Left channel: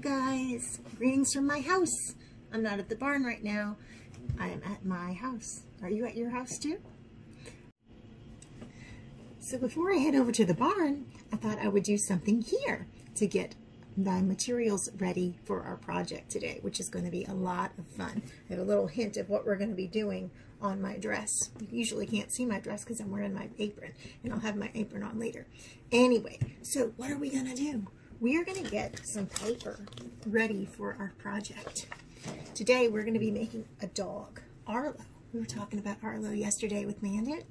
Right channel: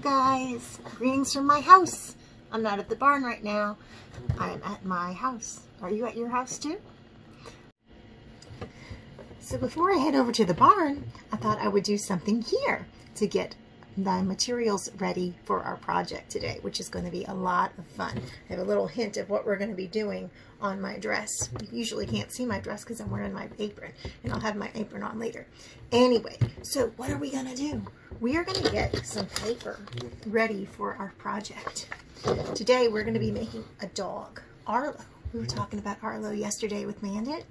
guys, greetings from my house. I'm not at the barn right now. I'm at my house. Are you at your house too? So before I head over to the barn, I thought I would do something here to get the materials ready for our project today, which is going to be a lot of fun. I have a little hint of what we're going to be doing on my dress. You usually can't see my dress because I'm wearing my apron, and I'll have my apron on later. Anyway, so what are we going to do? We are going to get some paper ready for our project. Today we're going to be making a dog, Arlo. We were talking about Arlo yesterday with Mandit,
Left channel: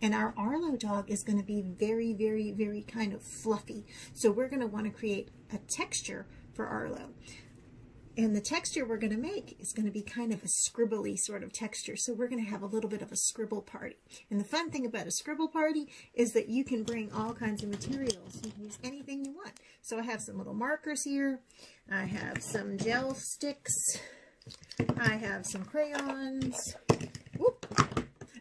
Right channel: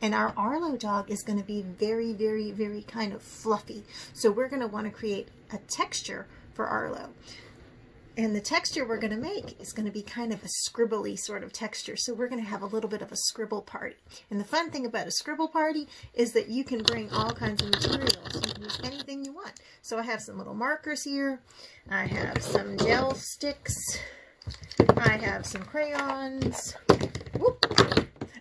and our Arlo dog is going to be very, very, very kind of fluffy. So we're going to want to create a texture for Arlo. And the texture we're going to make is going to be kind of a scribbly sort of texture. So we're going to have a little bit of a scribble party. And the fun thing about a scribble party is that you can bring all kinds of materials. You can use anything you want. So I have some little markers here. I have some gel sticks. I have some crayons. Whoop.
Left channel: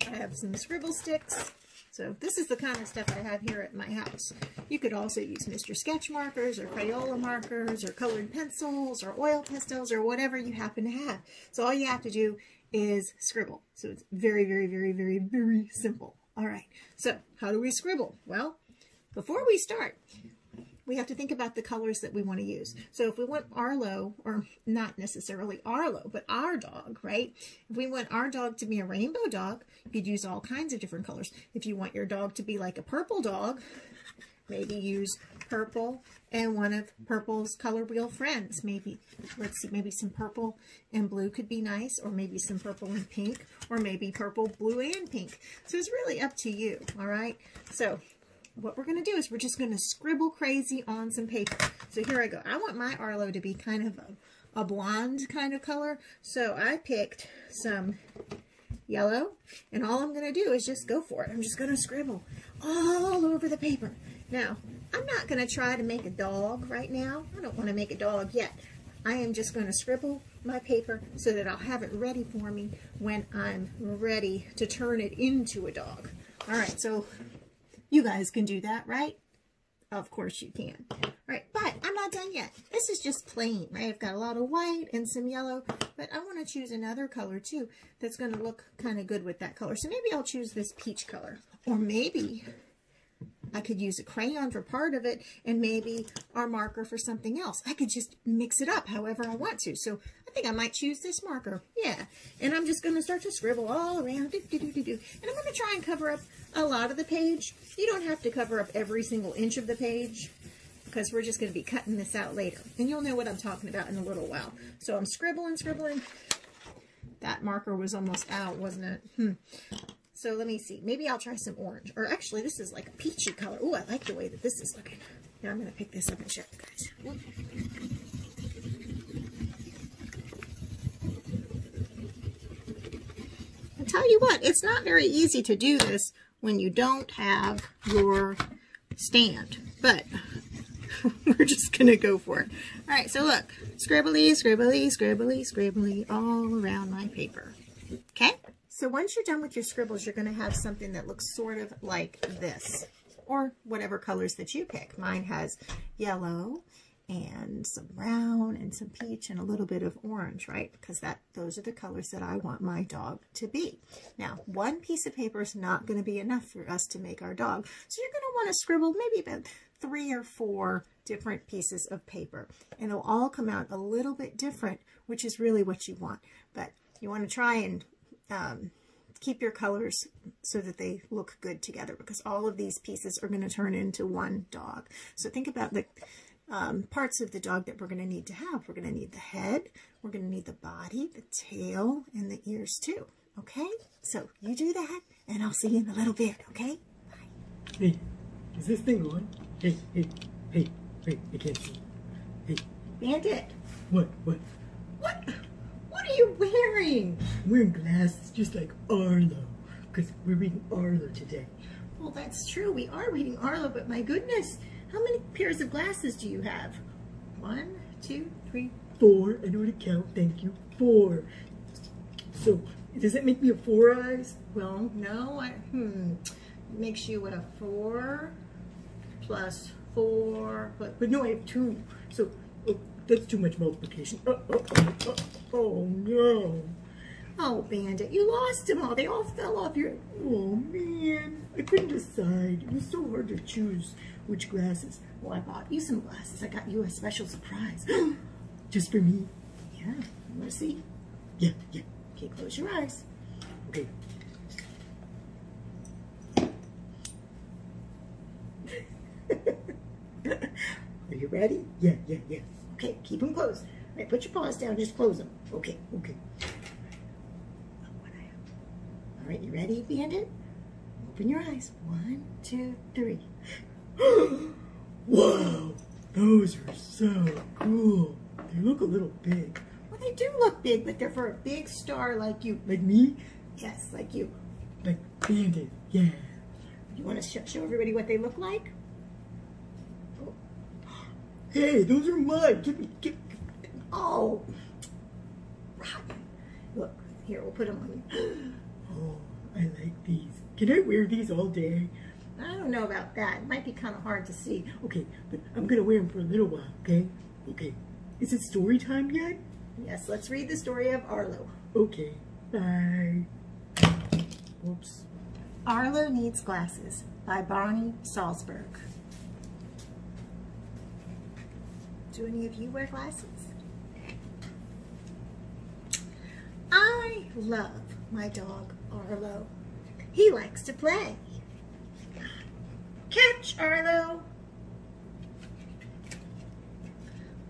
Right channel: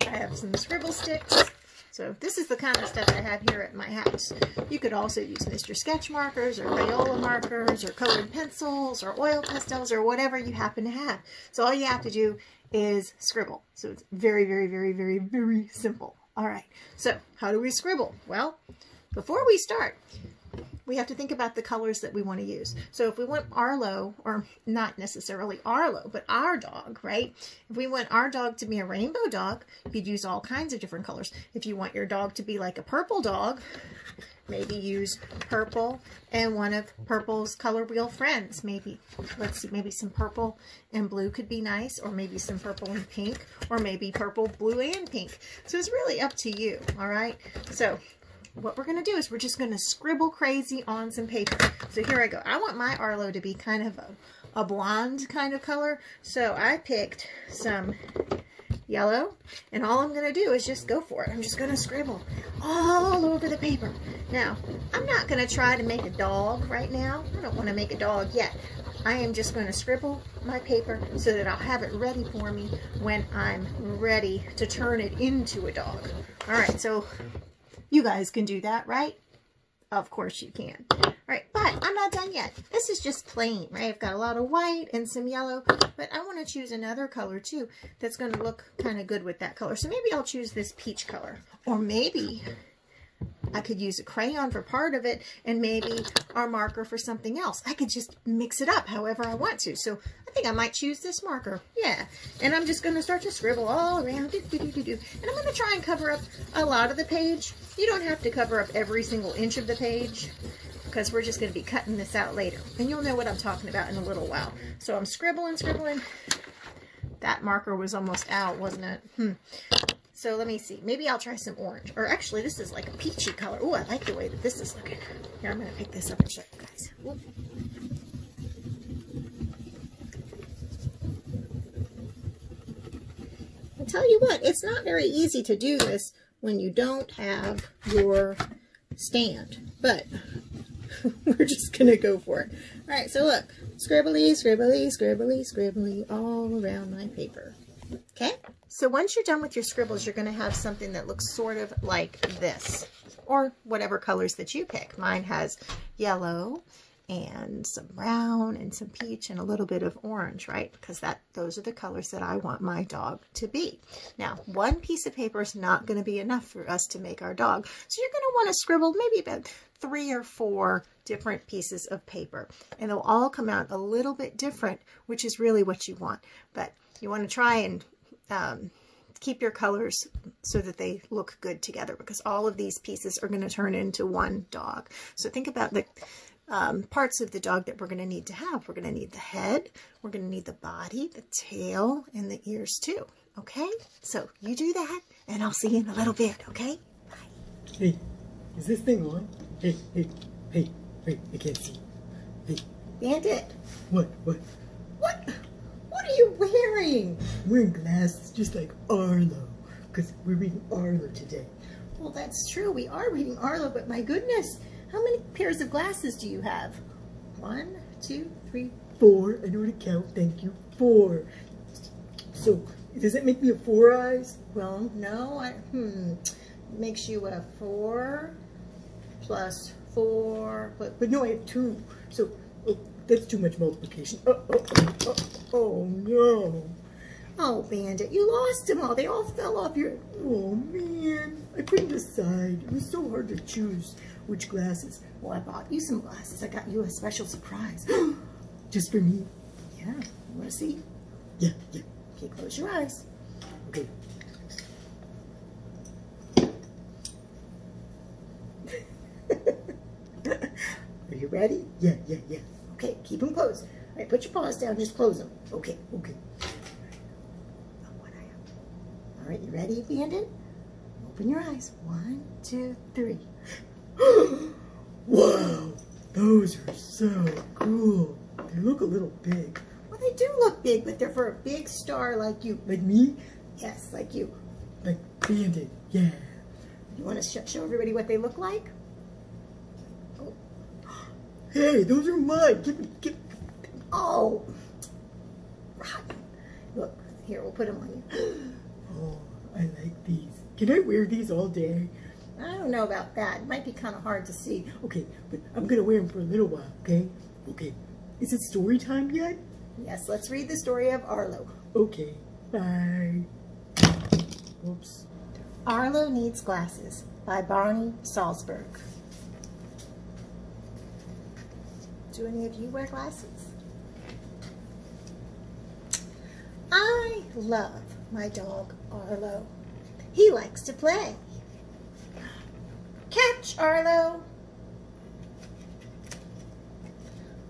I have some scribble sticks. So this is the kind of stuff I have here at my house. You could also use Mr. Sketch markers or Crayola markers or colored pencils or oil pastels or whatever you happen to have. So all you have to do is scribble. So it's very, very, very, very, very simple. All right. So how do we scribble? Well, before we start, we have to think about the colors that we want to use. So if we want Arlo, or not necessarily Arlo, but our dog, right? If we want our dog to be a rainbow dog, you'd use all kinds of different colors. If you want your dog to be like a purple dog, maybe use purple and one of purple's color wheel friends. Maybe, let's see, maybe some purple and blue could be nice, or maybe some purple and pink, or maybe purple, blue, and pink. So it's really up to you, all right? So what we're going to do is we're just going to scribble crazy on some paper. So here I go. I want my Arlo to be kind of a blonde kind of color. So I picked some yellow, and all I'm going to do is just go for it. I'm just going to scribble all over the paper. Now, I'm not going to try to make a dog right now. I don't want to make a dog yet. I am just going to scribble my paper so that I'll have it ready for me when I'm ready to turn it into a dog. All right, so you guys can do that, right? Of course you can. All right, but I'm not done yet. This is just plain, right? I've got a lot of white and some yellow, but I want to choose another color too that's going to look kind of good with that color. So maybe I'll choose this peach color. Or maybe I could use a crayon for part of it and maybe our marker for something else. I could just mix it up however I want to. So I think I might choose this marker. Yeah. And I'm just going to start to scribble all around. And I'm going to try and cover up a lot of the page. You don't have to cover up every single inch of the page because we're just going to be cutting this out later. And you'll know what I'm talking about in a little while. So I'm scribbling. That marker was almost out, wasn't it? So let me see. Maybe I'll try some orange. Or actually, this is like a peachy color. Oh, I like the way that this is looking. Here, I'm going to pick this up and show you guys. Ooh. I'll tell you what, it's not very easy to do this when you don't have your stand. But we're just going to go for it. All right, so look. Scribbly, scribbly, scribbly, scribbly all around my paper. Okay? So once you're done with your scribbles, you're going to have something that looks sort of like this, or whatever colors that you pick. Mine has yellow and some brown and some peach and a little bit of orange, right? Because those are the colors that I want my dog to be. Now, one piece of paper is not going to be enough for us to make our dog. So you're going to want to scribble maybe about 3 or 4 different pieces of paper. And they'll all come out a little bit different, which is really what you want. But you want to try and keep your colors so that they look good together, because all of these pieces are going to turn into one dog. So think about the parts of the dog that we're going to need to have. We're going to need the head, we're going to need the body, the tail, and the ears too. Okay? So you do that, and I'll see you in a little bit, okay? Bye. Hey, is this thing on? Hey, I can't see. Hey. Bandit. What? What are you wearing? I'm wearing glasses just like Arlo, because we're reading Arlo today. Well, that's true. We are reading Arlo, but my goodness, how many pairs of glasses do you have? 1, 2, 3, 4. I know how to count. Thank you. 4. So, does that make me a 4 eyes? Well, no. Makes you a 4 plus 4. But no, I have 2. So, that's too much multiplication. Oh no. Oh, Bandit, you lost them all. They all fell off your... Oh man, I couldn't decide. It was so hard to choose which glasses. Well, I bought you some glasses. I got you a special surprise. Just for me? Yeah, you want to see? Yeah. Okay, close your eyes. Okay. Are you ready? Yeah. Okay, keep them closed. All right, put your paws down, just close them. Okay. All right, you ready, Bandit? Open your eyes. 1, 2, 3. Wow, those are so cool. They look a little big. Well, they do look big, but they're for a big star like you. Like me? Yes, like you. Like Bandit, yeah. You want to show everybody what they look like? Oh. Hey, those are mine. Give me. Oh. Look, here, we'll put them on you. Oh, I like these. Can I wear these all day? I don't know about that. It might be kind of hard to see. Okay, but I'm going to wear them for a little while, okay? Okay. Is it story time yet? Yes, let's read the story of Arlo. Okay, bye. Whoops. Arlo Needs Glasses by Barney Salzberg. Do any of you wear glasses? I love my dog Arlo. He likes to play. Catch, Arlo.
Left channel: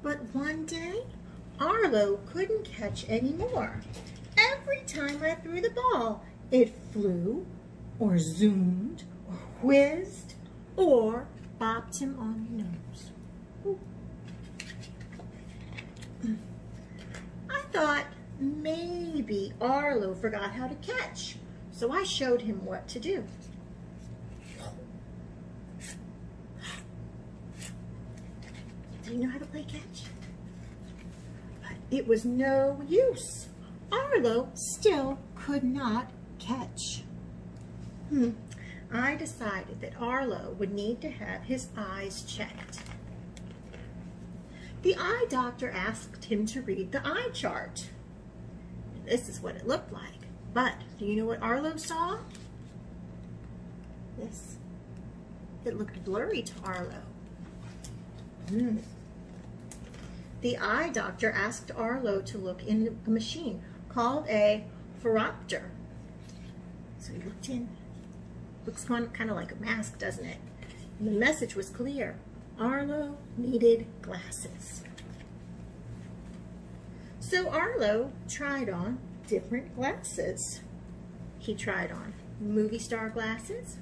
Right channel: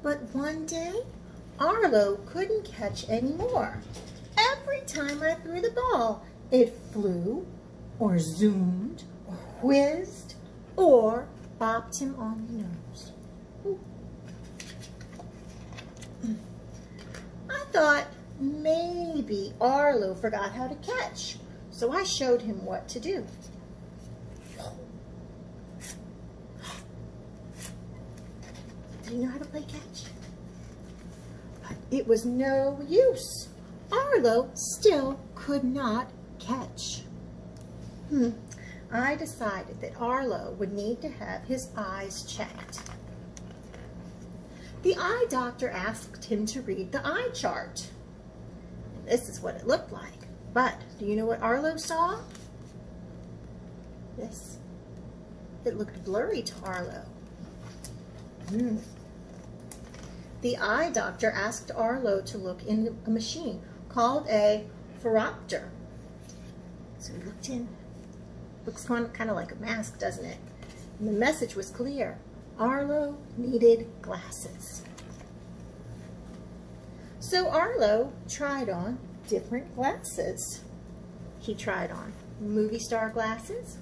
But one day, Arlo couldn't catch anymore. Every time I threw the ball, it flew, or zoomed, or whizzed, or bopped him on the nose. I thought maybe Arlo forgot how to catch, so I showed him what to do. Do you know how to play catch? But it was no use. Arlo still could not catch. I decided that Arlo would need to have his eyes checked. The eye doctor asked him to read the eye chart. This is what it looked like. But do you know what Arlo saw? This. It looked blurry to Arlo. The eye doctor asked Arlo to look in a machine called a phoropter. So he looked in. Looks kind of like a mask, doesn't it? And the message was clear. Arlo needed glasses. So Arlo tried on different glasses. He tried on movie star glasses.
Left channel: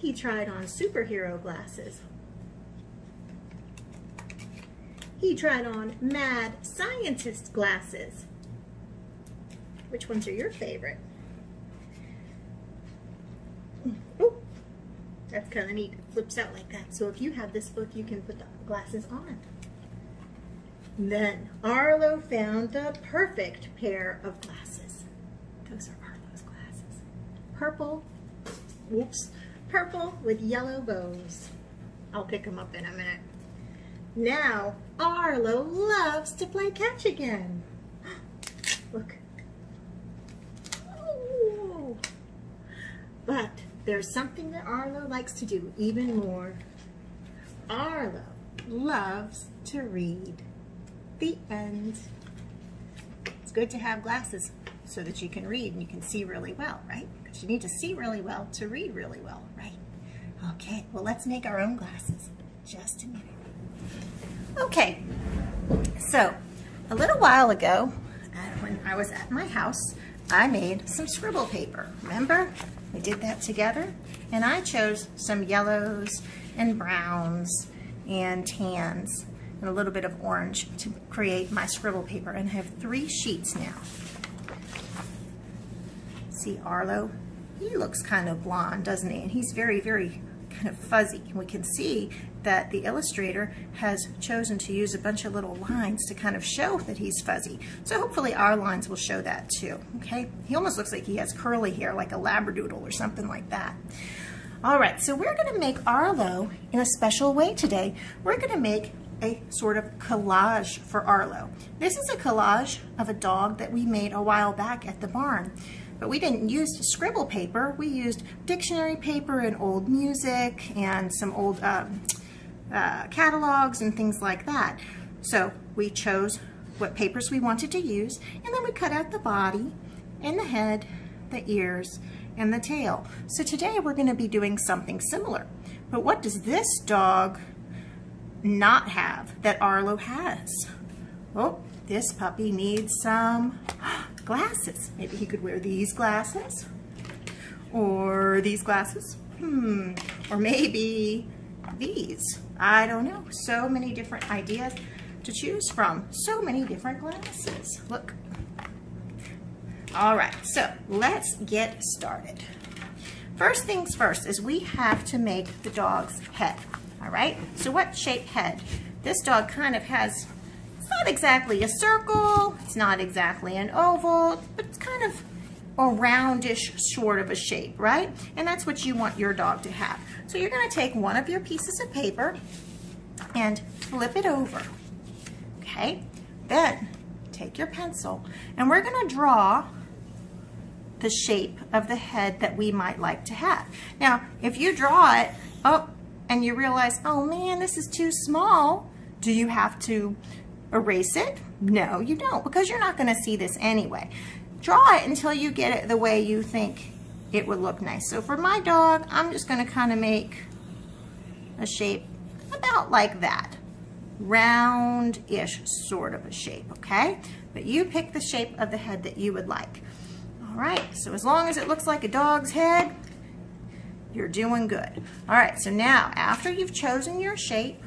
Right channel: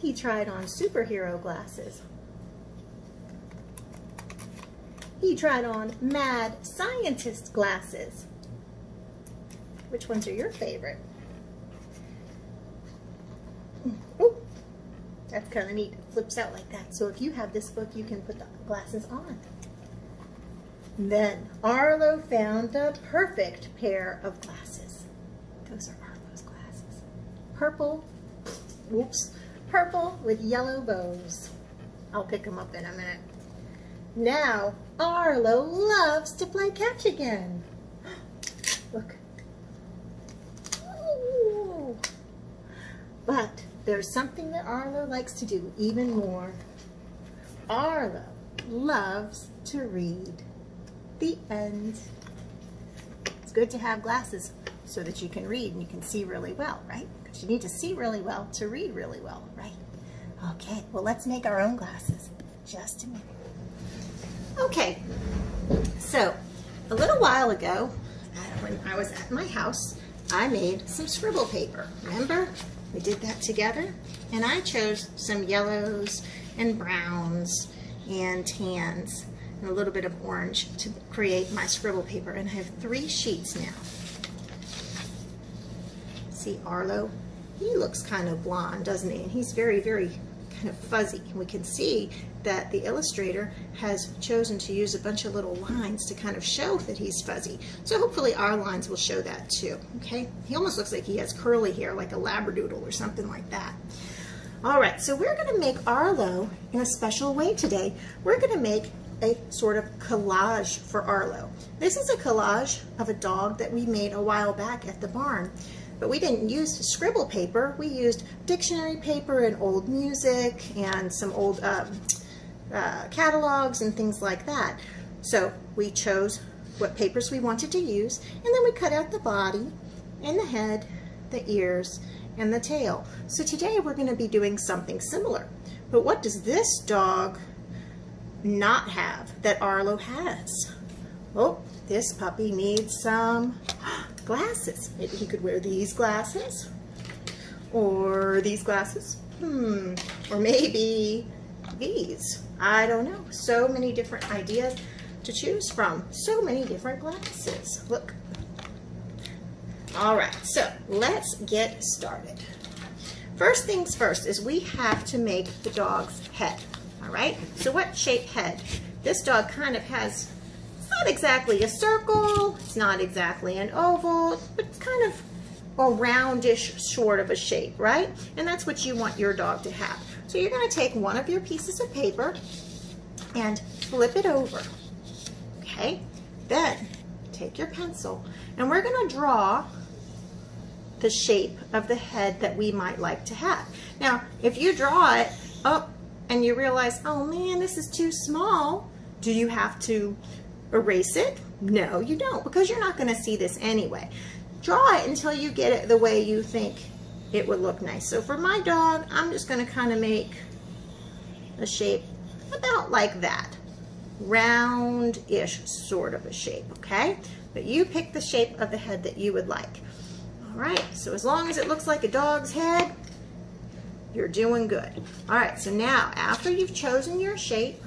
He tried on superhero glasses. He tried on mad scientist glasses. Which ones are your favorite? Oh, that's kind of neat. It flips out like that. So if you have this book, you can put the glasses on. Then Arlo found the perfect pair of glasses. Those are Arlo's glasses. Purple, purple with yellow bows. I'll pick them up in a minute. Now Arlo loves to play catch again. Look. Ooh. But there's something that Arlo likes to do even more. Arlo loves to read. The end. It's good to have glasses so that you can read and you can see really well, right? Because you need to see really well to read really well, right? Okay, well, let's make our own glasses. Just a minute. Okay, so a little while ago, when I was at my house, I made some scribble paper. Remember? We did that together, and I chose some yellows and browns and tans and a little bit of orange to create my scribble paper, and I have 3 sheets now. See Arlo? He looks kind of blonde, doesn't he? And he's very, very kind of fuzzy. And we can see that the illustrator has chosen to use a bunch of little lines to kind of show that he's fuzzy. So hopefully our lines will show that too, okay? He almost looks like he has curly hair, like a labradoodle or something like that. All right, so we're gonna make Arlo in a special way today. We're gonna make a sort of collage for Arlo. This is a collage of a dog that we made a while back at the barn, but we didn't use scribble paper. We used dictionary paper and old music and some old catalogs and things like that. So we chose what papers we wanted to use, and then we cut out the body and the head, the ears, and the tail. So today we're going to be doing something similar. But what does this dog not have that Arlo has? Oh, this puppy needs some glasses. Maybe he could wear these glasses or these glasses. Or maybe these. I don't know. So many different ideas to choose from. So many different glasses. Look. All right, so let's get started. First things first is we have to make the dog's head. All right, so what shape head? This dog kind of has, it's not exactly a circle, it's not exactly an oval, but it's kind of a roundish sort of a shape, right? And that's what you want your dog to have. So you're going to take one of your pieces of paper and flip it over. Okay, then take your pencil and we're going to draw the shape of the head that we might like to have. Now, if you draw it up and you realize, oh man, this is too small, do you have to erase it? No, you don't, because you're not going to see this anyway. Draw it until you get it the way you think it would look nice. So for my dog, I'm just going to kind of make a shape about like that. Round-ish sort of a shape, okay? But you pick the shape of the head that you would like. All right, so as long as it looks like a dog's head, you're doing good. All right, so now after you've chosen your shape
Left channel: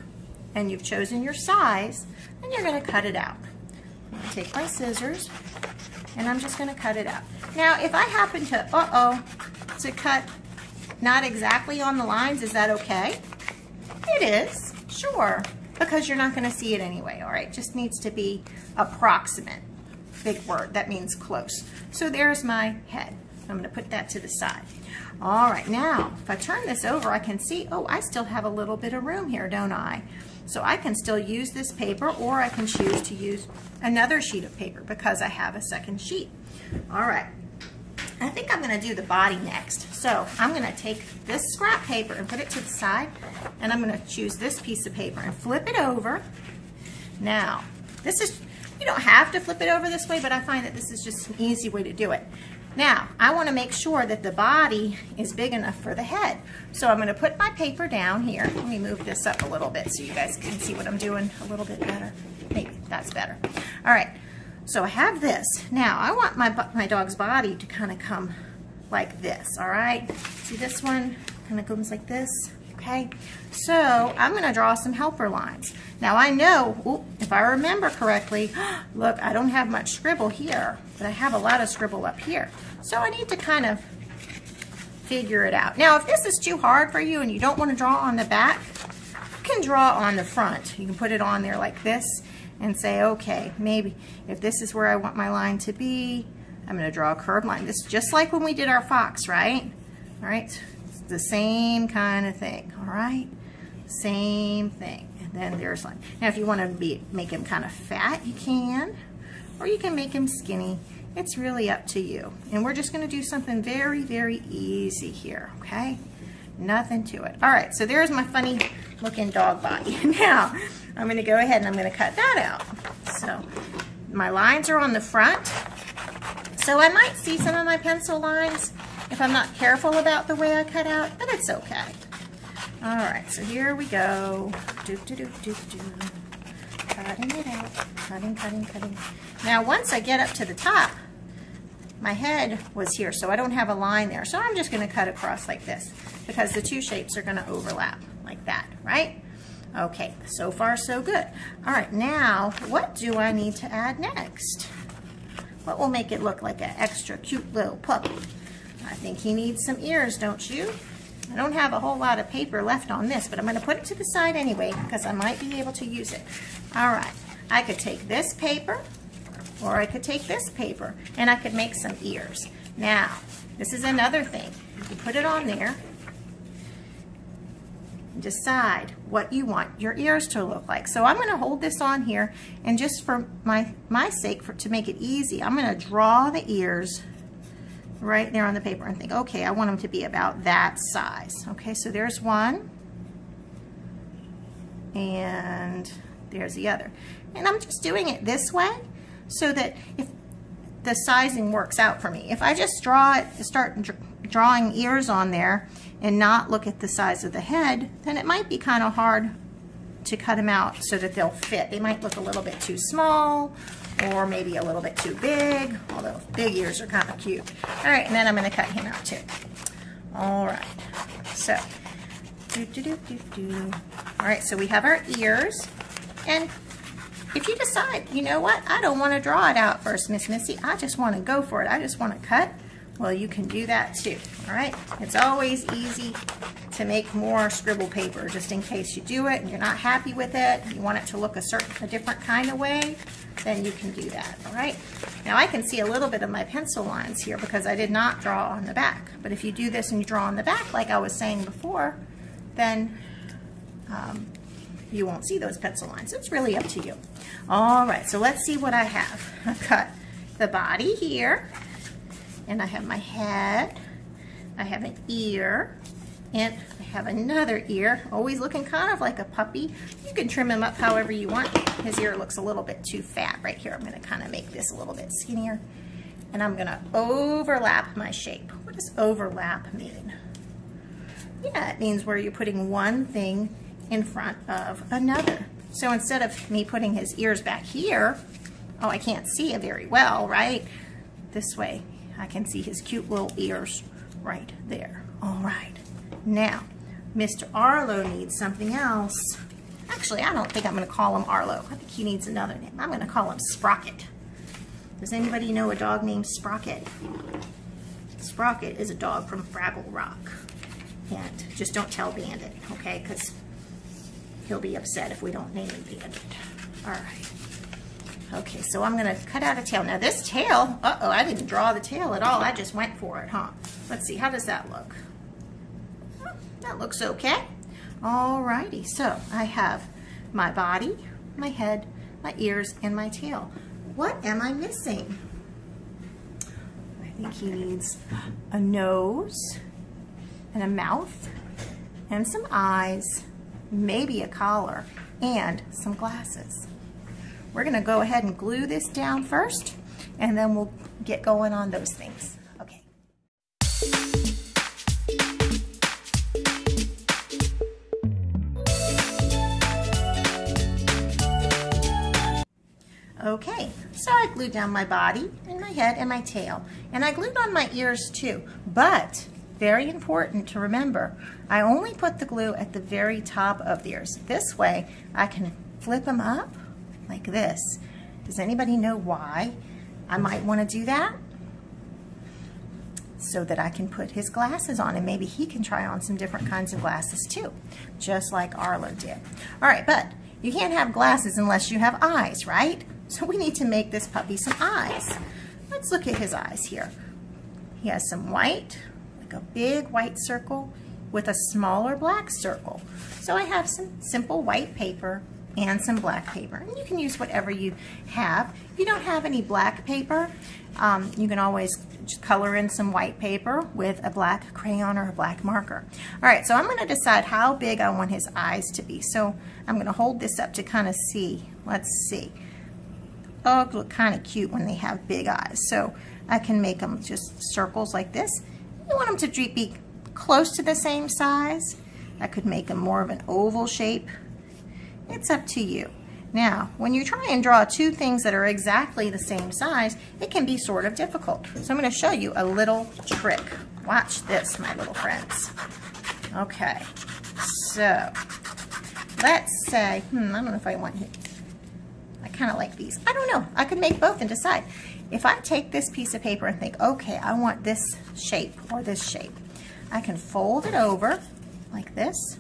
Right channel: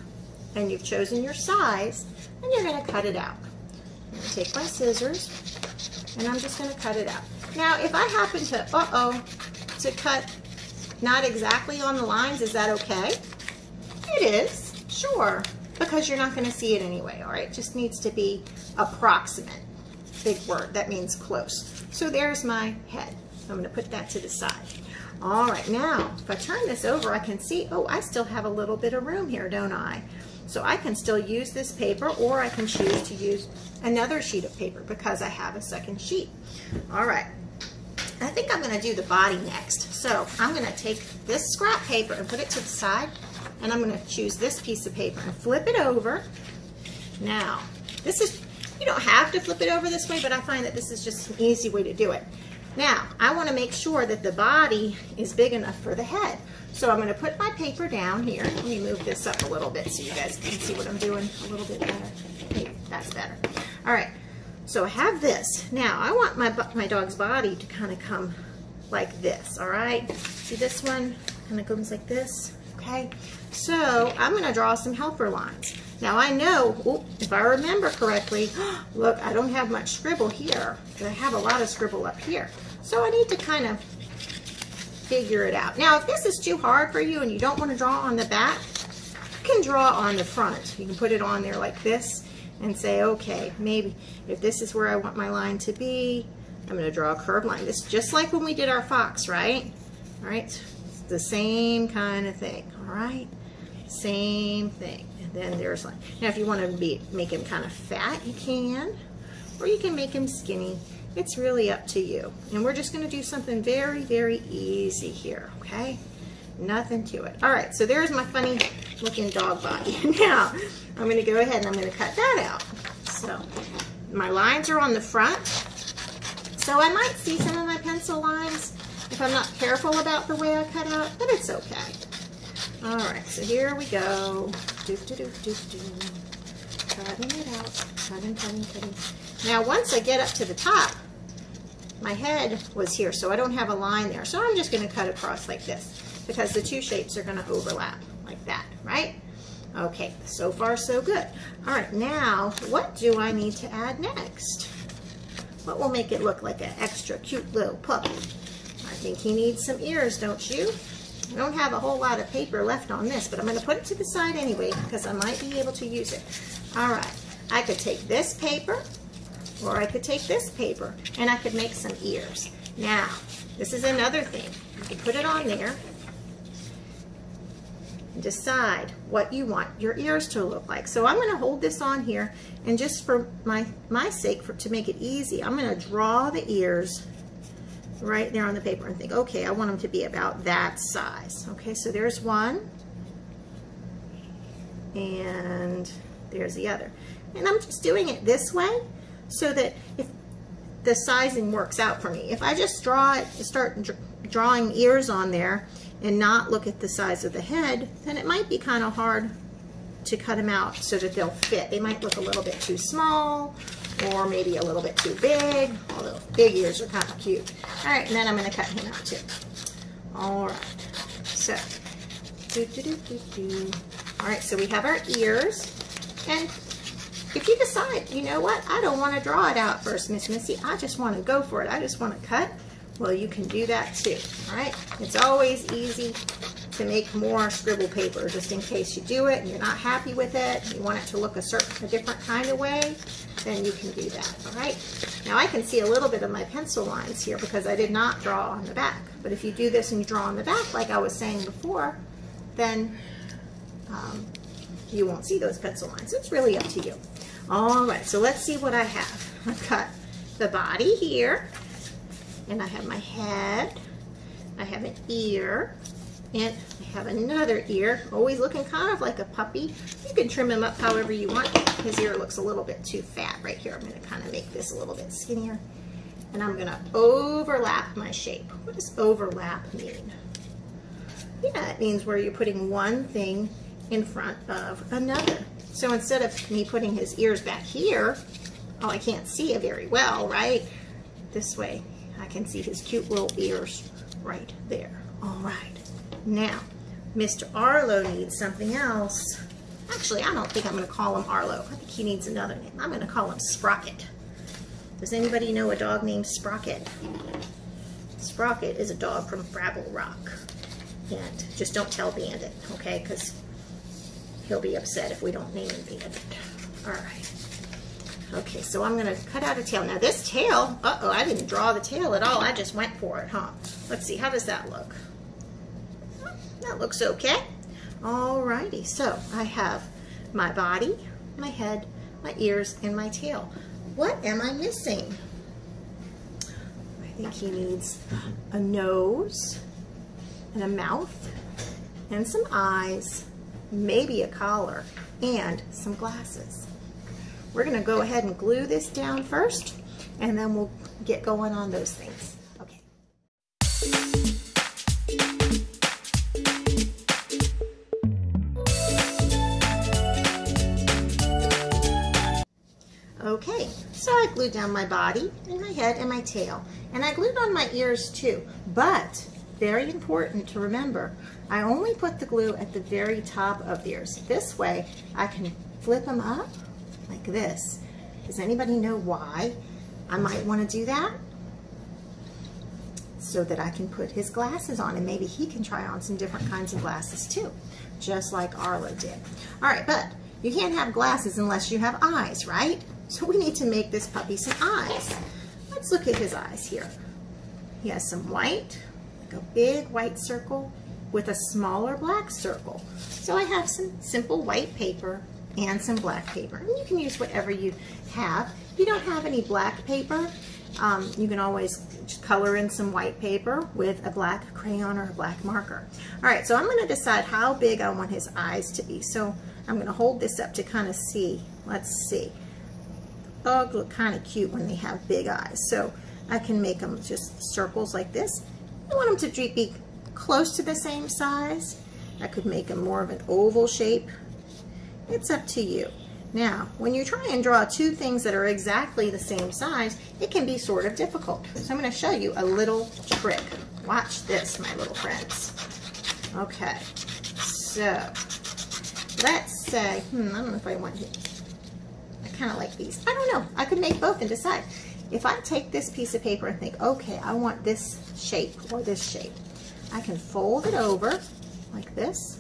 and you've chosen your size, then you're gonna cut it out. I'm gonna take my scissors and I'm just gonna cut it out. Now, if I happen to, to cut not exactly on the lines, is that okay? It is, sure, because you're not gonna see it anyway, all right? Just needs to be approximate. Big word, that means close. So there's my head. I'm going to put that to the side. All right, now if I turn this over, I can see, oh, I still have a little bit of room here, don't I? So I can still use this paper, or I can choose to use another sheet of paper because I have a second sheet. All right, I think I'm going to do the body next. So I'm going to take this scrap paper and put it to the side, and I'm going to choose this piece of paper and flip it over. Now, this is, you don't have to flip it over this way, but I find that this is just an easy way to do it. Now, I want to make sure that the body is big enough for the head. So I'm going to put my paper down here. Let me move this up a little bit so you guys can see what I'm doing a little bit better. Maybe that's better. All right, so I have this. Now, I want my dog's body to kind of come like this, all right? See this one kind of comes like this, okay? So I'm going to draw some helper lines. Now I know, if I remember correctly, look, I don't have much scribble here, but I have a lot of scribble up here. So I need to kind of figure it out. Now, if this is too hard for you and you don't want to draw on the back, you can draw on the front. You can put it on there like this and say, okay, maybe if this is where I want my line to be, I'm going to draw a curved line. This is just like when we did our fox, right? All right, it's the same kind of thing, all right? Same thing. Then there's like, now if you want to make him kind of fat, you can, or you can make him skinny. It's really up to you. And we're just going to do something very, very easy here, okay? Nothing to it. All right, so there's my funny looking dog body. Now, I'm going to go ahead and I'm going to cut that out. So my lines are on the front. So I might see some of my pencil lines if I'm not careful about the way I cut out, but it's okay. All right, so here we go. Cutting it out, cutting. Now, once I get up to the top, my head was here, so I don't have a line there. So I'm just gonna cut across like this because the two shapes are gonna overlap like that, right? Okay, so far so good. All right, now, what do I need to add next? What will make it look like an extra cute little puppy? I think he needs some ears, don't you? I don't have a whole lot of paper left on this, but I'm going to put it to the side anyway because I might be able to use it. All right, I could take this paper or I could take this paper and I could make some ears. Now, this is another thing. You can put it on there and decide what you want your ears to look like. So I'm going to hold this on here, and just for my sake, to make it easy, I'm going to draw the ears right there on the paper and think, okay, I want them to be about that size. Okay, so there's one, and there's the other. And I'm just doing it this way so that if the sizing works out for me. If I just start drawing ears on there and not look at the size of the head, then it might be kind of hard to cut them out so that they'll fit. They might look a little bit too small, or maybe a little bit too big, although big ears are kind of cute. All right, and then I'm going to cut him out too. All right, so all right, so we have our ears, and if you decide, you know what, I don't want to draw it out first, Miss Missy, I just want to go for it, I just want to cut, well, you can do that too. All right, it's always easy to make more scribble paper, just in case you do it and you're not happy with it, you want it to look a different kind of way, then you can do that. All right, now I can see a little bit of my pencil lines here because I did not draw on the back, but if you do this and you draw on the back like I was saying before, then you won't see those pencil lines. It's really up to you. All right, so let's see what I have. I've got the body here, and I have my head, I have an ear, and I have another ear, always looking kind of like a puppy. You can trim him up however you want. His ear looks a little bit too fat right here. I'm going to kind of make this a little bit skinnier, and I'm going to overlap my shape. What does overlap mean? Yeah, it means where you're putting one thing in front of another. So instead of me putting his ears back here, oh, I can't see it very well, right? This way, I can see his cute little ears right there. All right, now, Mr. Arlo needs something else. Actually, I don't think I'm gonna call him Arlo. I think he needs another name. I'm gonna call him Sprocket. Does anybody know a dog named Sprocket? Sprocket is a dog from Fraggle Rock. And just don't tell Bandit, okay? Because he'll be upset if we don't name him Bandit. All right. Okay, so I'm gonna cut out a tail. Now this tail, uh-oh, I didn't draw the tail at all. I just went for it, huh? Let's see, how does that look? That looks okay. All righty, so I have my body, my head, my ears, and my tail. What am I missing? I think he needs a nose, and a mouth, and some eyes, maybe a collar, and some glasses. We're gonna go ahead and glue this down first, and then we'll get going on those things. Okay. Okay, so I glued down my body, and my head, and my tail, and I glued on my ears too, but very important to remember, I only put the glue at the very top of the ears. This way, I can flip them up like this. Does anybody know why I might want to do that? So that I can put his glasses on, and maybe he can try on some different kinds of glasses too, just like Arlo did. All right, but you can't have glasses unless you have eyes, right? So we need to make this puppy some eyes. Let's look at his eyes here. He has some white, a big white circle with a smaller black circle. So I have some simple white paper and some black paper. And you can use whatever you have. If you don't have any black paper, you can always just color in some white paper with a black crayon or a black marker. All right, so I'm gonna decide how big I want his eyes to be. So I'm gonna hold this up to kind of see. Let's see. Dogs look kind of cute when they have big eyes. So I can make them just circles like this. You want them to be close to the same size. I could make them more of an oval shape. It's up to you. Now, when you try and draw two things that are exactly the same size, it can be sort of difficult. So I'm going to show you a little trick. Watch this, my little friends. Okay, so let's say, I don't know if I want, I kind of like these. I don't know, I could make both and decide. If I take this piece of paper and think, okay, I want this shape or this shape, I can fold it over like this,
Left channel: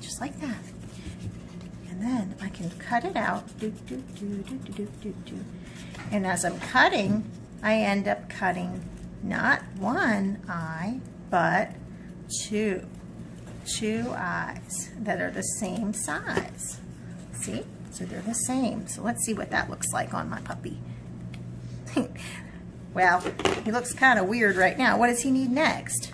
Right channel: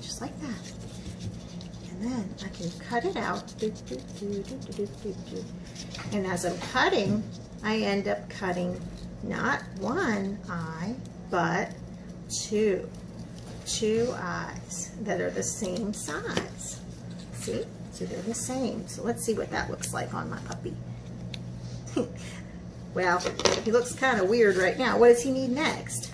just like that. And then I can cut it out. And as I'm cutting, I end up cutting not one eye, but two. two eyes that are the same size. See? So they're the same. So let's see what that looks like on my puppy. Well, he looks kind of weird right now. What does he need next?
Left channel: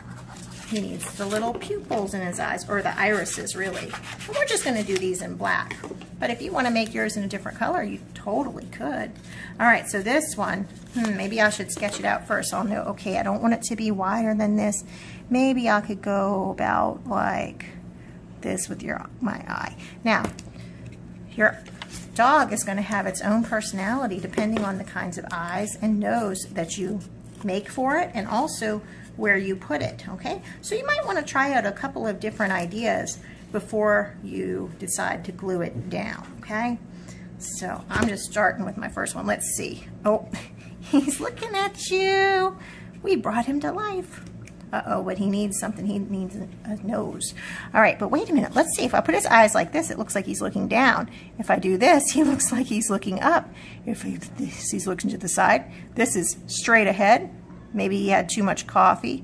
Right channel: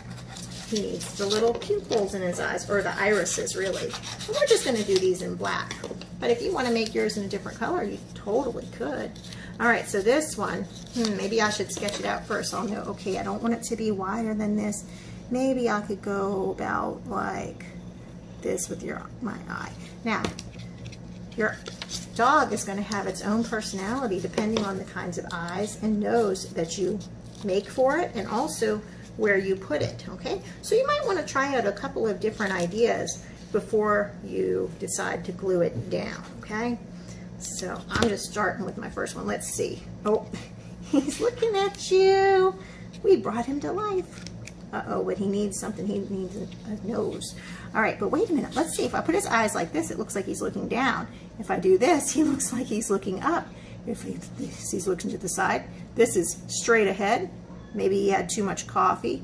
He needs the little pupils in his eyes, or the irises, really. And we're just going to do these in black. But if you want to make yours in a different color, you totally could. All right, so this one, maybe I should sketch it out first so I'll know, okay, I don't want it to be wider than this. Maybe I could go about like this with my eye. Now, your dog is going to have its own personality depending on the kinds of eyes and nose that you make for it, and also where you put it, okay? So you might want to try out a couple of different ideas before you decide to glue it down, okay? So I'm just starting with my first one. Let's see. Oh, he's looking at you. We brought him to life. Uh-oh, but he needs something. He needs a nose. All right, but wait a minute. Let's see. If I put his eyes like this, it looks like he's looking down. If I do this, he looks like he's looking up. If he's looking to the side, this is straight ahead. Maybe he had too much coffee.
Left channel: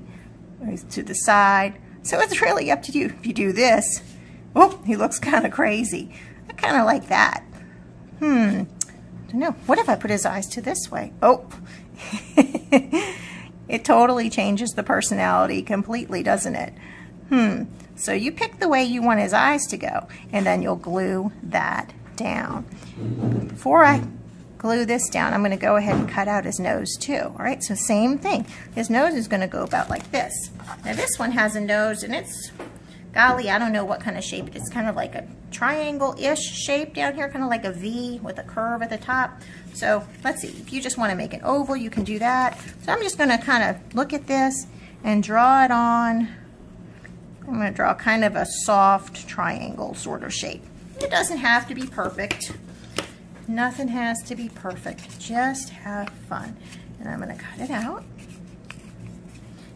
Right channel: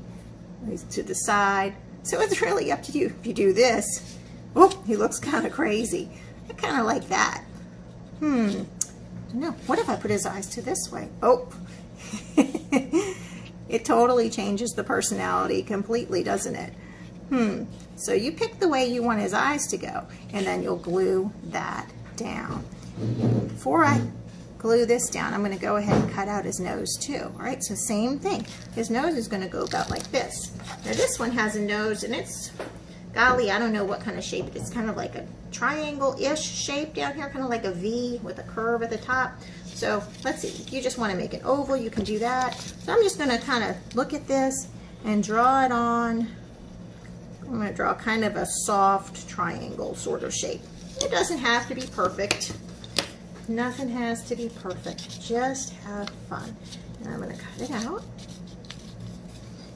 He's to the side. So it's really up to you. If you do this, oh, he looks kind of crazy. I kind of like that. I don't know. What if I put his eyes to this way? Oh, it totally changes the personality completely, doesn't it? So you pick the way you want his eyes to go, and then you'll glue that down. Before I glue this down, I'm going to go ahead and cut out his nose too. All right, so same thing. His nose is going to go about like this. Now this one has a nose, and it's, golly, I don't know what kind of shape it is. It's kind of like a triangle-ish shape down here, kind of like a V with a curve at the top. So let's see, if you just want to make an oval, you can do that. So I'm just going to kind of look at this and draw it on. I'm going to draw kind of a soft triangle sort of shape. It doesn't have to be perfect. Nothing has to be perfect. Just have fun. And I'm going to cut it out.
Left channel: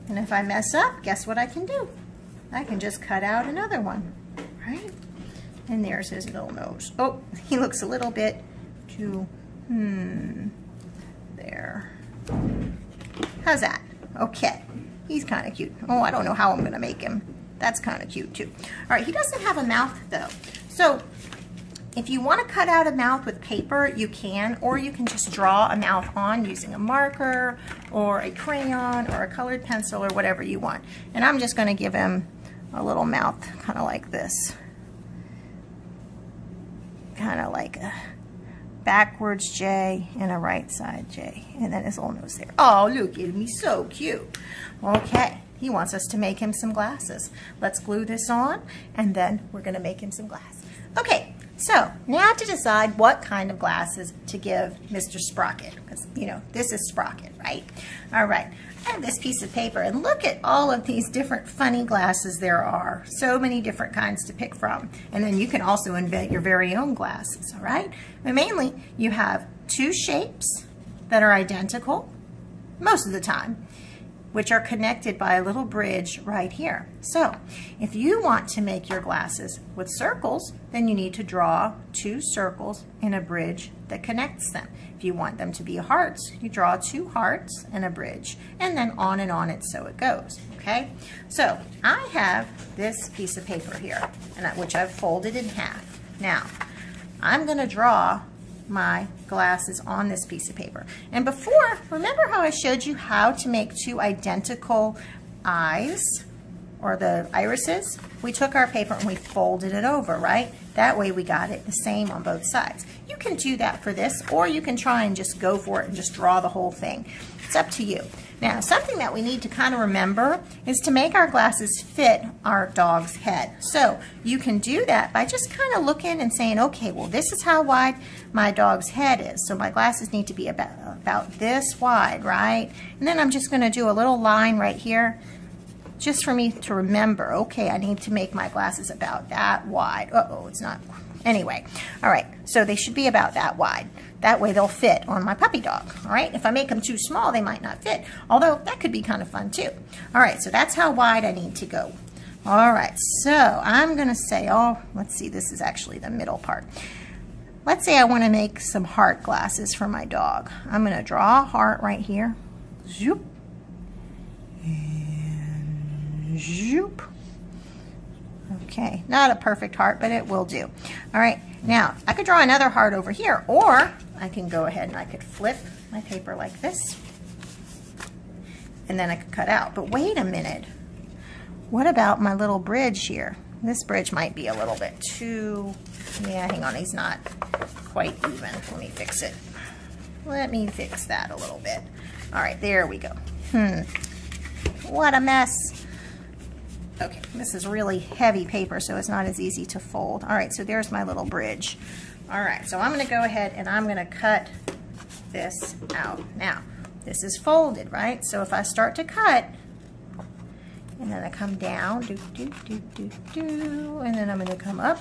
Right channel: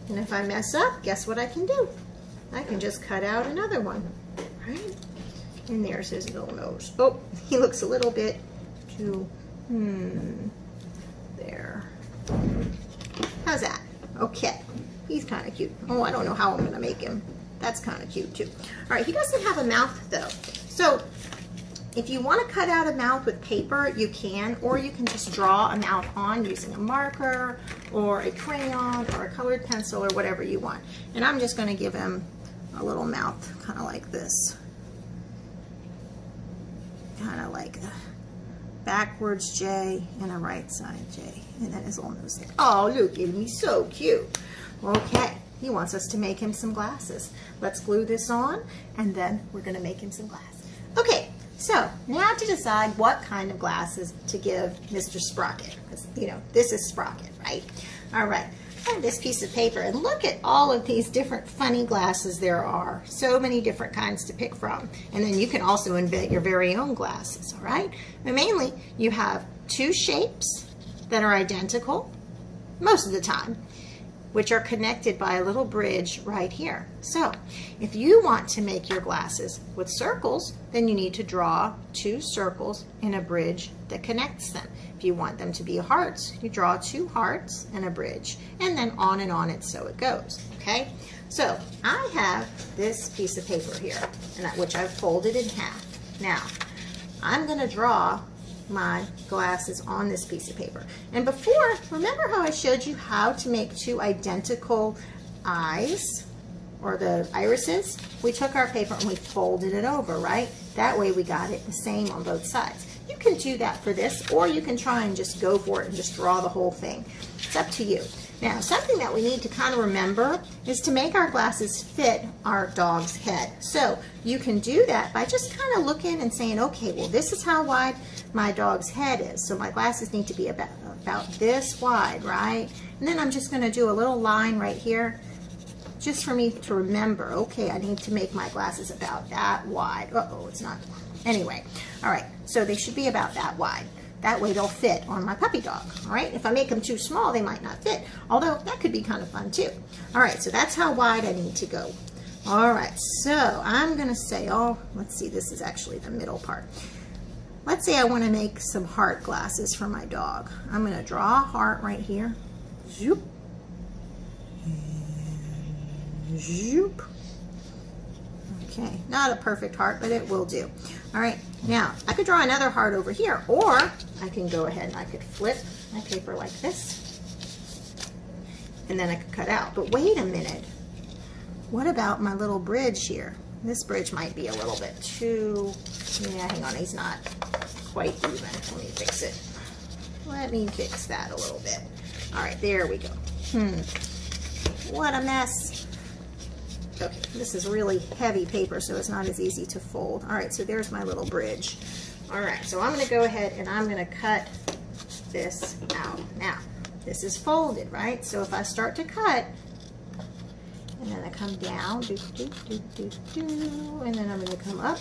And if I mess up, guess what I can do? I can just cut out another one, right? And there's his little nose. Oh, he looks a little bit too, there. How's that? Okay, he's kind of cute. Oh, I don't know how I'm gonna make him. That's kind of cute too. All right, he doesn't have a mouth though. So if you want to cut out a mouth with paper, you can, or you can just draw a mouth on using a marker or a crayon or a colored pencil or whatever you want. And I'm just going to give him a little mouth kind of like this. Kind of like a backwards J and a right side J. And then his little nose there. Oh, look at me, so cute. Okay, he wants us to make him some glasses. Let's glue this on, and then we're going to make him some glasses. Okay. So now to decide what kind of glasses to give Mr. Sprocket, because you know this is Sprocket, right? All right, I have this piece of paper, and look at all of these different funny glasses there are. So many different kinds to pick from, and then you can also invent your very own glasses. All right, but mainly you have two shapes that are identical most of the time, which are connected by a little bridge right here. So if you want to make your glasses with circles, then you need to draw two circles in a bridge that connects them. If you want them to be hearts, you draw two hearts and a bridge, and then on and on it so it goes, okay? So I have this piece of paper here, which I've folded in half. Now, I'm gonna draw my glasses on this piece of paper. And before, remember how I showed you how to make two identical eyes, or the irises? We took our paper and we folded it over, right? That way we got it the same on both sides. You can do that for this, or you can try and just go for it and just draw the whole thing. It's up to you. Now, something that we need to kind of remember is to make our glasses fit our dog's head. So you can do that by just kind of looking and saying, okay, well, this is how wide my dog's head is. So my glasses need to be about this wide, right? And then I'm just going to do a little line right here just for me to remember, okay, I need to make my glasses about that wide. Uh-oh, it's not. Anyway, all right, so they should be about that wide. That way they'll fit on my puppy dog, all right? If I make them too small, they might not fit, although that could be kind of fun too. All right, so that's how wide I need to go. All right, so I'm gonna say, oh, let's see, this is actually the middle part. Let's say I wanna make some heart glasses for my dog. I'm gonna draw a heart right here. Zoop. And zoop. Okay, not a perfect heart, but it will do. All right, now I could draw another heart over here, or I can go ahead and I could flip my paper like this, and then I could cut out. But wait a minute, what about my little bridge here? This bridge might be a little bit too, yeah, hang on, he's not quite even. Let me fix it. Let me fix that a little bit. All right, there we go. What a mess. Okay, this is really heavy paper, so it's not as easy to fold. All right, so there's my little bridge. All right, so I'm gonna go ahead and I'm gonna cut this out. Now, this is folded, right? So if I start to cut, and then I come down, and then I'm gonna come up.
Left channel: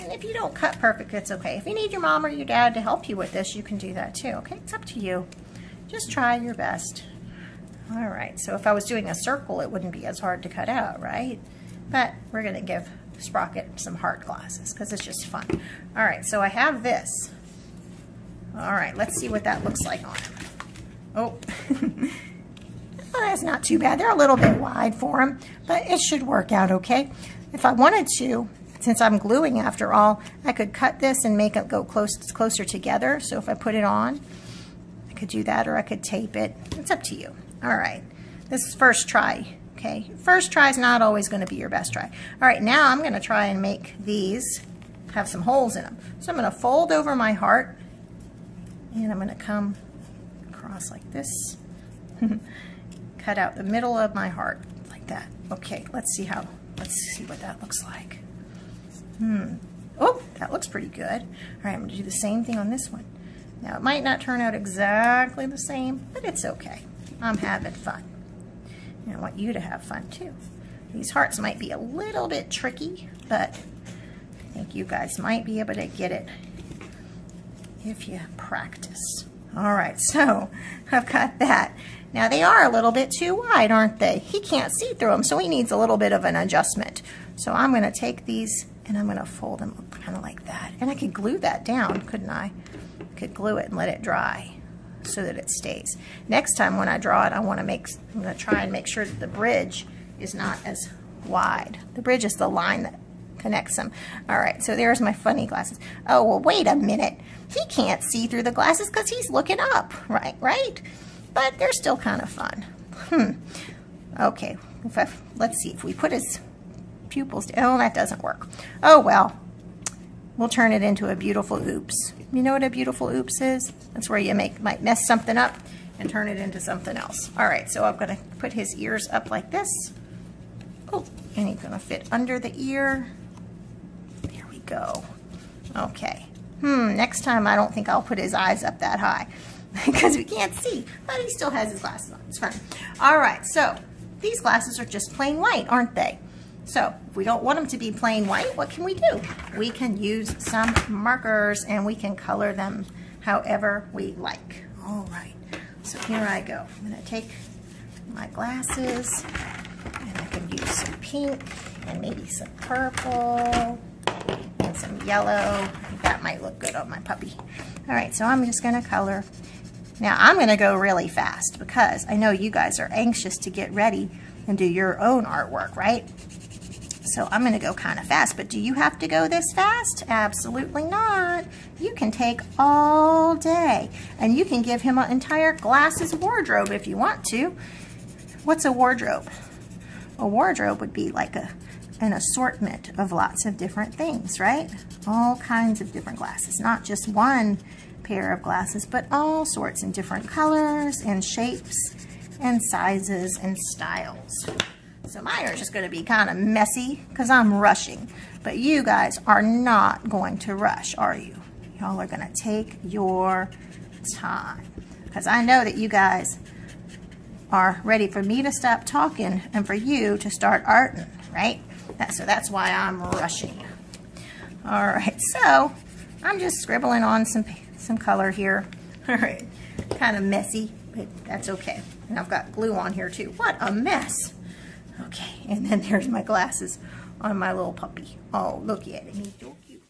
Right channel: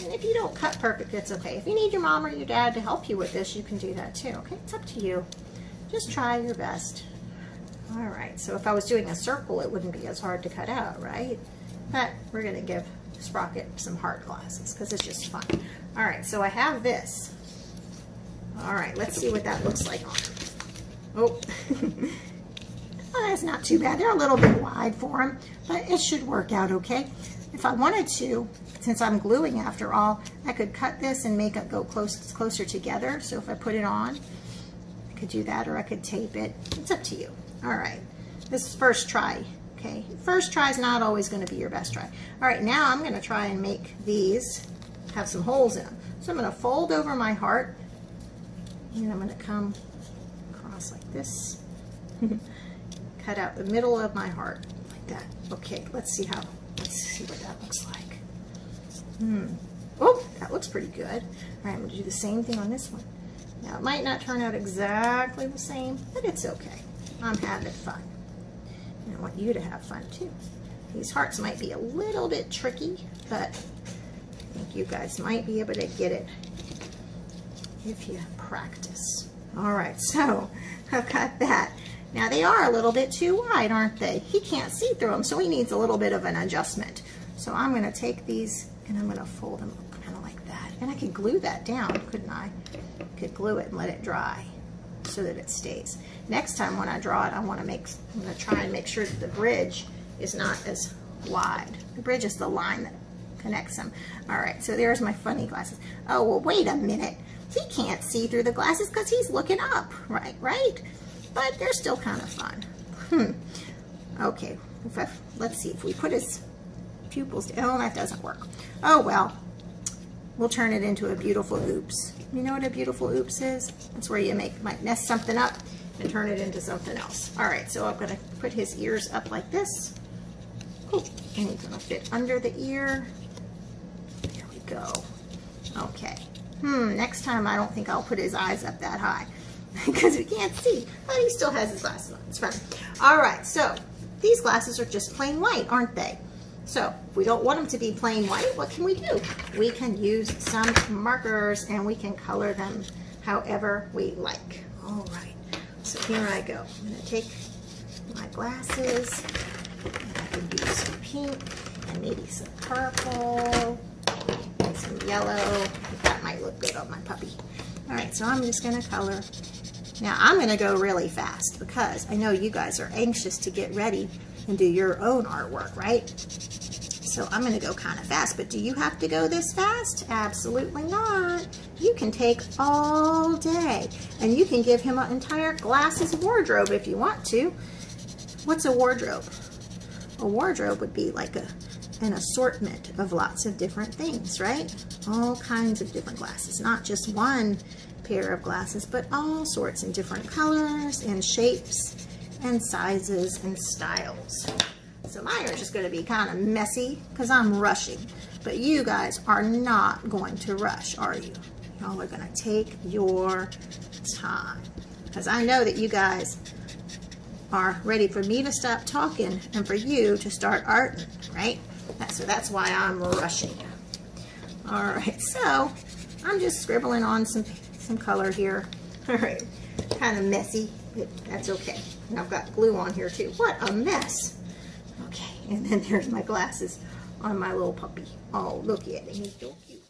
And if you don't cut perfect, it's okay. If you need your mom or your dad to help you with this, you can do that too, okay? It's up to you. Just try your best. All right, so if I was doing a circle, it wouldn't be as hard to cut out, right? But we're gonna give Sprocket some heart glasses because it's just fun. All right, so I have this. All right, let's see what that looks like on him. Oh, that's not too bad. They're a little bit wide for him, but it should work out okay. If I wanted to, since I'm gluing after all, I could cut this and make it go closer together. So if I put it on, I could do that, or I could tape it. It's up to you. All right, this is first try, okay? First try is not always gonna be your best try. All right, now I'm gonna try and make these have some holes in them. So I'm gonna fold over my heart, and I'm gonna come across like this. Cut out the middle of my heart like that. Okay, let's see what that looks like. Oh, that looks pretty good. All right, I'm gonna do the same thing on this one. Now, it might not turn out exactly the same, but it's okay. I'm having fun. And I want you to have fun too. These hearts might be a little bit tricky, but I think you guys might be able to get it if you practice. All right, so I've got that. Now they are a little bit too wide, aren't they? He can't see through them, so he needs a little bit of an adjustment. So I'm gonna take these and I'm gonna fold them kind of like that. And I could glue that down, couldn't I? Could glue it and let it dry so that it stays. Next time when I draw it, I'm gonna try and make sure that the bridge is not as wide. The bridge is the line that connects them. All right, so there's my funny glasses. Oh, well, wait a minute. He can't see through the glasses because he's looking up, right? But they're still kind of fun. Okay, let's see if we put his pupils down. Oh, that doesn't work. Oh, well, we'll turn it into a beautiful oops. You know what a beautiful oops is? That's where you might mess something up and turn it into something else. All right, so I'm gonna put his ears up like this. Oh, and he's gonna fit under the ear. There we go. Okay. Next time I don't think I'll put his eyes up that high because we can't see, but he still has his glasses on. It's fun. All right, so these glasses are just plain white, aren't they? So if we don't want them to be plain white, what can we do? We can use some markers and we can color them however we like. All right, so here I go. I'm gonna take my glasses and I can use some pink and maybe some purple and some yellow. That might look good on my puppy. All right, so I'm just gonna color. Now I'm gonna go really fast because I know you guys are anxious to get ready and do your own artwork, right? So I'm gonna go kind of fast, but do you have to go this fast? Absolutely not. You can take all day and you can give him an entire glasses wardrobe if you want to. What's a wardrobe? A wardrobe would be like an assortment of lots of different things, right? All kinds of different glasses, not just one pair of glasses, but all sorts in different colors and shapes and sizes and styles. So mine are just going to be kind of messy because I'm rushing, but you guys are not going to rush, are you? Y'all are going to take your time because I know that you guys are ready for me to stop talking and for you to start arting, right? So that's why I'm rushing. All right, so I'm just scribbling on some color here. All right, kind of messy, but that's okay. And I've got glue on here too. What a mess. Okay, and then there's my glasses on my little puppy. Oh, look at him, he's so cute.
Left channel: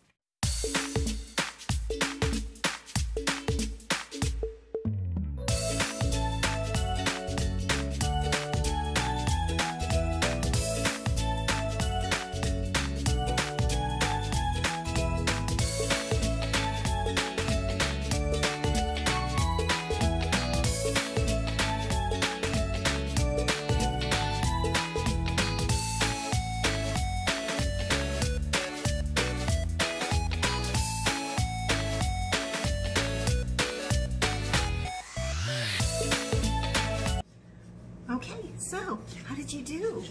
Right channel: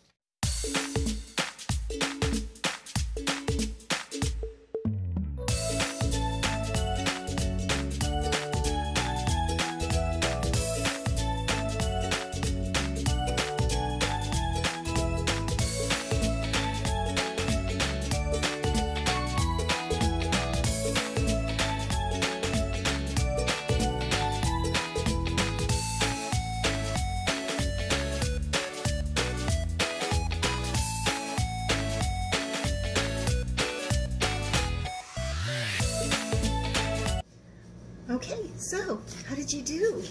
Okay, so how did you do?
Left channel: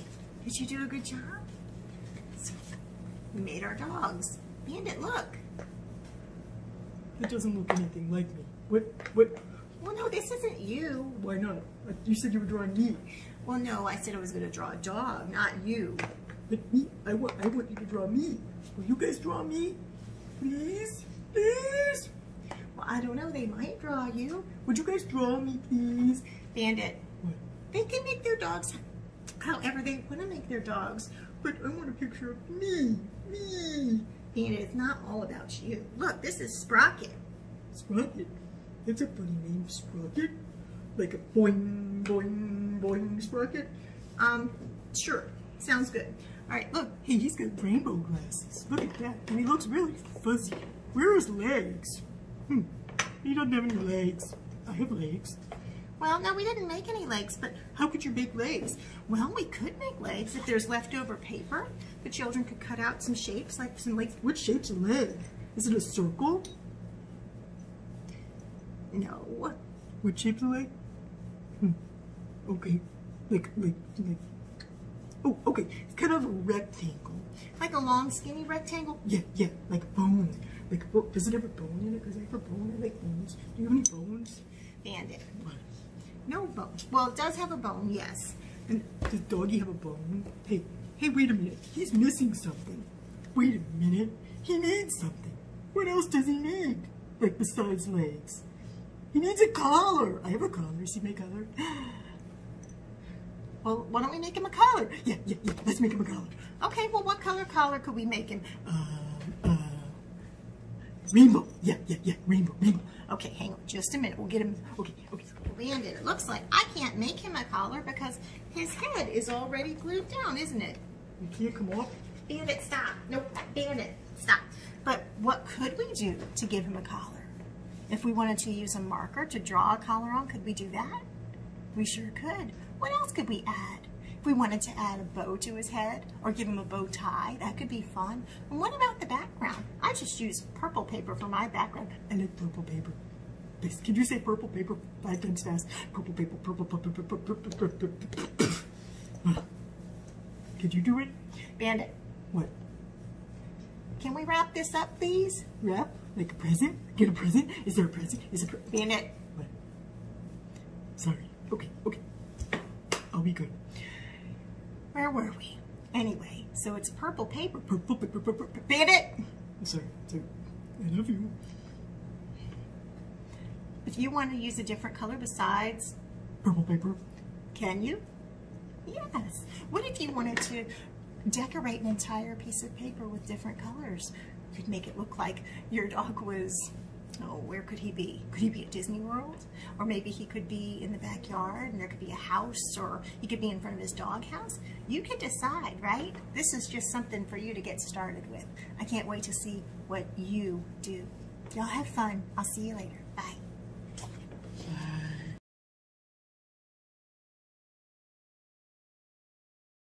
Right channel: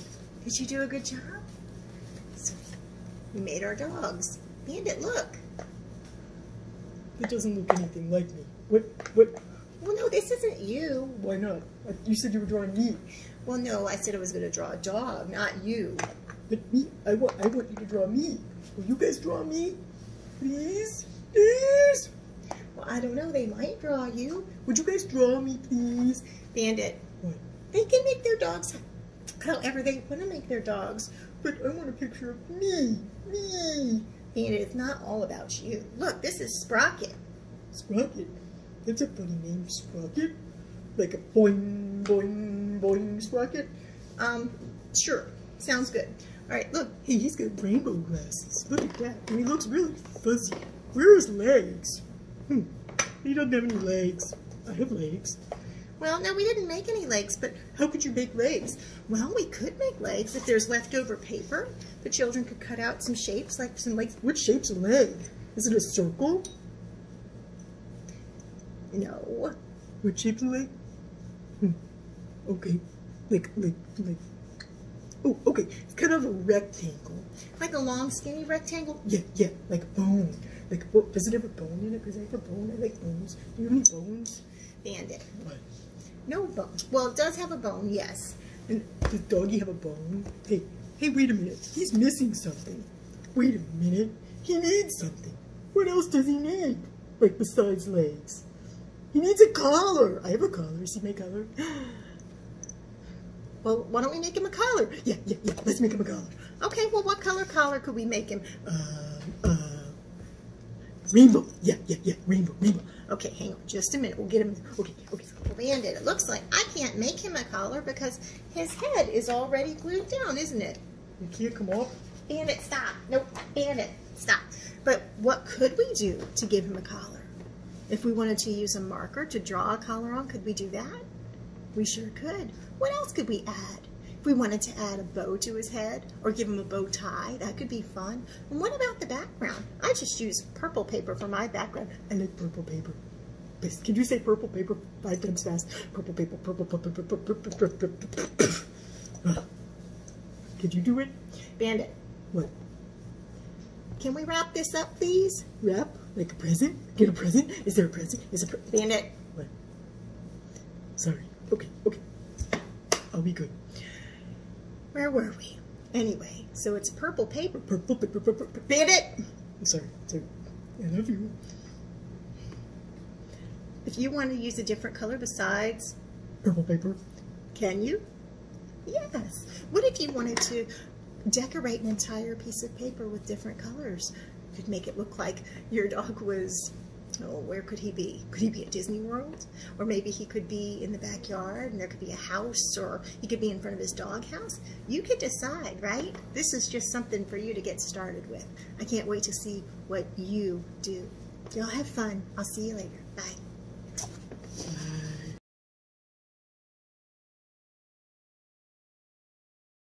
Did you do a good job? So we made our dogs. Bandit, look. It doesn't look anything like me. What? Well, no, this isn't you. Why not? You said you were drawing me. Well, no, I said I was going to draw a dog, not you. But me, I want you to draw me. Will you guys draw me? Please? Please? Well, I don't know. They might draw you. Would you guys draw me, please? Bandit. What? They can make their dogs however they want to make their dogs. But I want a picture of me. Me. Bandit, it's not all about you. Look, this is Sprocket. Sprocket? That's a funny name, Sprocket. Like a boing, boing, boing Sprocket? Sure. Sounds good. All right, look. Hey, he's got rainbow glasses. Look at that. And he looks really fuzzy. Where are his legs? He doesn't have any legs. I have legs. Well, no, we didn't make any legs, but How could you make legs? well, we could make legs if there's leftover paper. The children could cut out some shapes, like some legs. What shape's a leg? Is it a circle? No. What shape's a leg? Okay. Like. Oh, okay. It's kind of a rectangle. Like a long, skinny rectangle? Yeah. Like a bone. Like, does it have a bone in it? Does it have a bone? I like bones. Do you have any bones? Bandit. What? No bone. Well, it does have a bone, yes. And does doggy have a bone? Hey, wait a minute. He's missing something. Wait a minute. He needs something. What else does he need? Like, besides legs? He needs a collar. I have a collar. See my collar? Well, why don't we make him a collar? Yeah. Let's make him a collar. Okay, well, what collar could we make him? Rainbow. Yeah. Rainbow. Okay, hang on just a minute. We'll get him. Okay. Bandit, it looks like I can't make him a collar because his head is already glued down, isn't it? You can't come off? Bandit, stop. Nope, Bandit, stop. But what could we do to give him a collar? If we wanted to use a marker to draw a collar on, could we do that? We sure could. What else could we add? If we wanted to add a bow to his head or give him a bow tie, that could be fun. And what about the background? I just use purple paper for my background. I like purple paper. Please, can you say purple paper 5 times fast? Purple paper, purple. Could you do it? Bandit. What? Can we wrap this up, please? Wrap? Like a present? Get a present? Is there a present? Bandit. What? Sorry. Okay. I'll be good. Where were we? Anyway, so it's purple paper. Purple paper. Bandit! I'm sorry. I love you. If you want to use a different color besides purple paper, can you? Yes. What if you wanted to decorate an entire piece of paper with different colors? You could make it look like your dog was, where could he be? Could he be at Disney World? Or maybe he could be in the backyard and there could be a house, or he could be in front of his dog house. You could decide, right? This is just something for you to get started with. I can't wait to see what you do. Y'all have fun. I'll see you later.